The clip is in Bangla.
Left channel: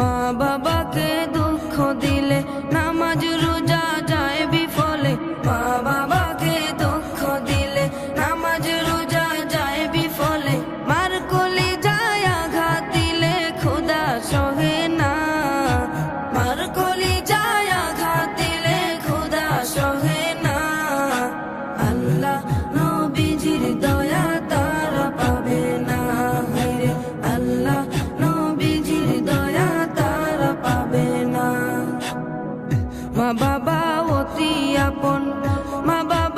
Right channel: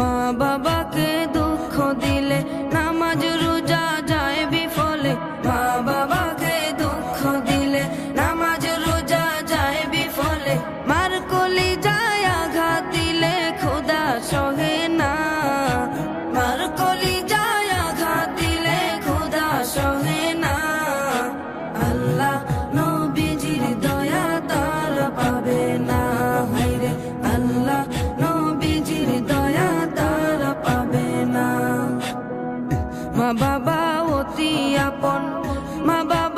মা বাবাকে দুঃখ দিলে নামাজ রোজা যায় বিফলে। মা বাবাকে দুঃখ দিলে নামাজ রোজা যায় বিফলে। মার কলি যায় আঘাত দিলে খোদা সহে না। মার কলি যায় আঘাত দিলে খোদা সহে না। আল্লাহ নবীজির দয়া তারা পাবে না। হায়রে আল্লাহ নবীজির দয়া তারা পাবে না। মা বাবা অতি আপন, মা বাবা